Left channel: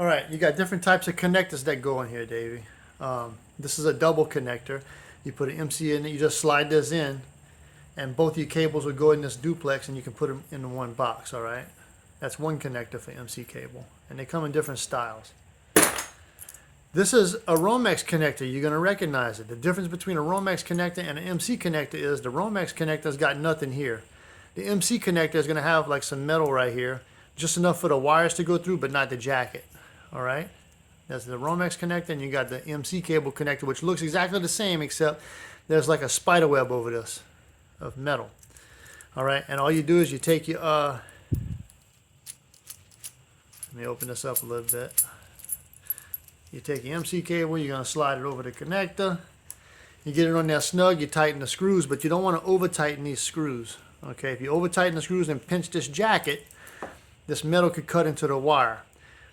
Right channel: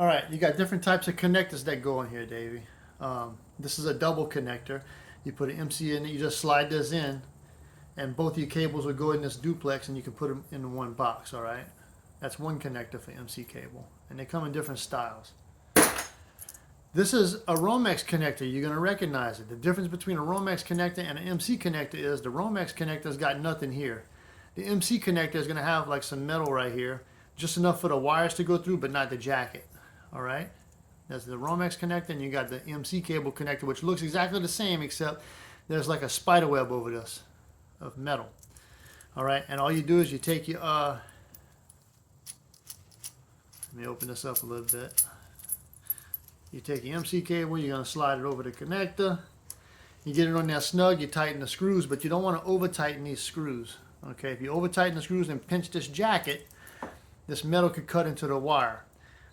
All right, you got different types of connectors that go in here, Davey. This is a double connector. You put an MC in it, you just slide this in, and both your cables will go in this duplex, and you can put them in one box, all right? That's one connector for MC cable, and they come in different styles. This is a Romex connector. You're going to recognize it. The difference between a Romex connector and an MC connector is the Romex connector's got nothing here. The MC connector is going to have like some metal right here, just enough for the wires to go through, but not the jacket. All right? That's the Romex connector, and you got the MC cable connector, which looks exactly the same, except there's like a spider web over this of metal. All right? And all you do is you take your, let me open this up a little bit. You take your MC cable, you're going to slide it over the connector. You get it on there snug, you tighten the screws, but you don't want to over tighten these screws. Okay, if you over tighten the screws and pinch this jacket, this metal could cut into the wire.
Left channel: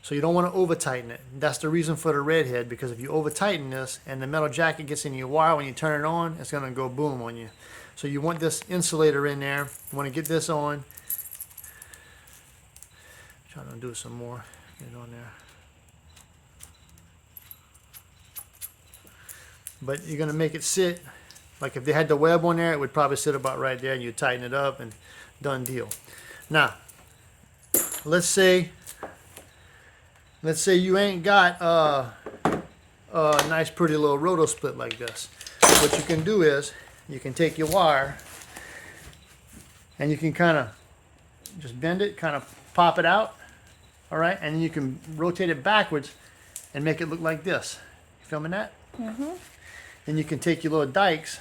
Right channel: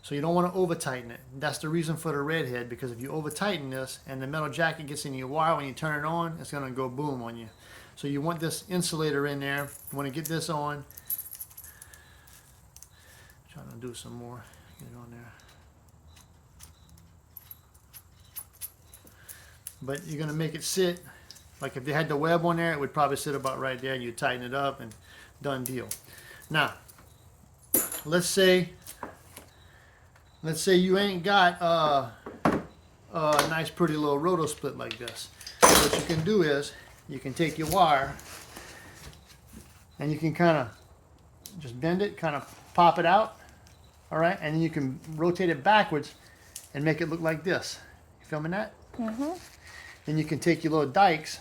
So you don't want to over tighten it. That's the reason for the red head, because if you over tighten this and the metal jacket gets in your wire when you turn it on, it's going to go boom on you. So you want this insulator in there. You want to get this on. Trying to do some more. Get it on there. But you're going to make it sit, like if they had the web on there, it would probably sit about right there. You tighten it up and done deal. Now, let's say you ain't got a nice pretty little roto split like this. What you can do is, you can take your wire and you can kind of just bend it, kind of pop it out, all right? And then you can rotate it backwards and make it look like this. You filming that? Mm-hmm. And you can take your little dikes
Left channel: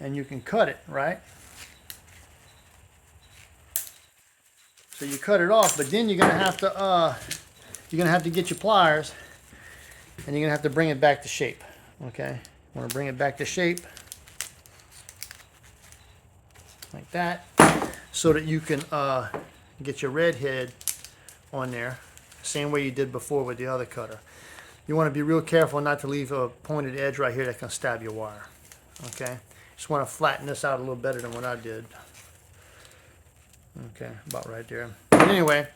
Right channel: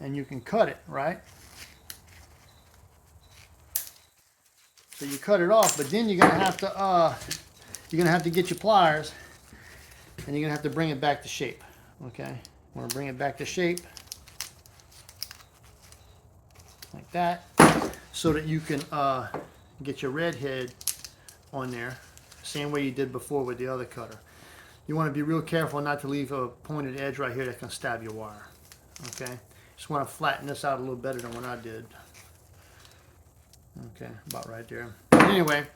and you can cut it, right? So you cut it off, but then you're gonna have to get your pliers and you're gonna have to bring it back to shape. Okay? Want to bring it back to shape like that, so that you can get your red head on there, same way you did before with the other cutter. You want to be real careful not to leave a pointed edge right here that can stab your wire. Okay? Just want to flatten this out a little better than what I did. Okay, about right there. Anyway,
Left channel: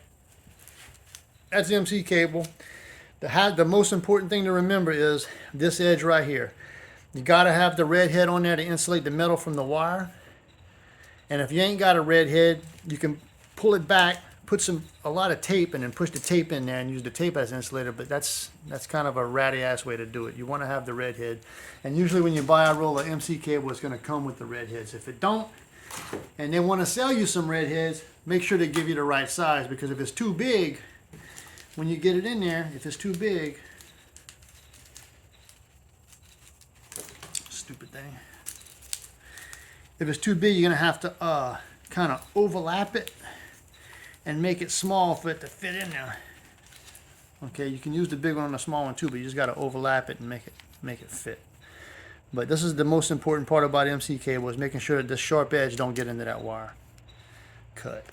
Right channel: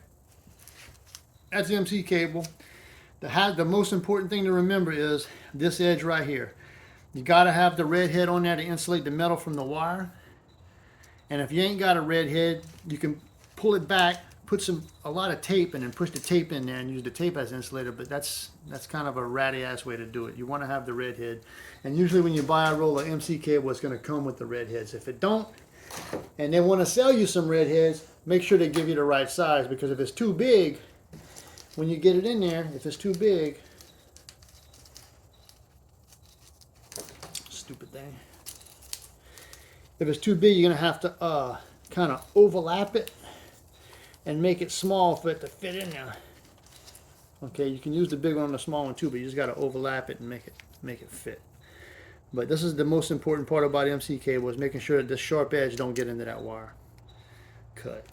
that's the MC cable. The most important thing to remember is this edge right here. You got to have the red head on there to insulate the metal from the wire. And if you ain't got a red head, you can pull it back, put a lot of tape, and then push the tape in there and use the tape as an insulator. But that's kind of a ratty ass way to do it. You want to have the red head, and usually when you buy a roll of MC cable, it's going to come with the red heads. If it don't, and they want to sell you some red heads, make sure they give you the right size, because if it's too big, when you get it in there, if it's too big, stupid thing. If it's too big, you're going to have to kind of overlap it and make it small for it to fit in there. Okay, you can use the big one and the small one too, but you just got to overlap it and make it fit. But this is the most important part about MC cable, is making sure that this sharp edge don't get into that wire. Cut.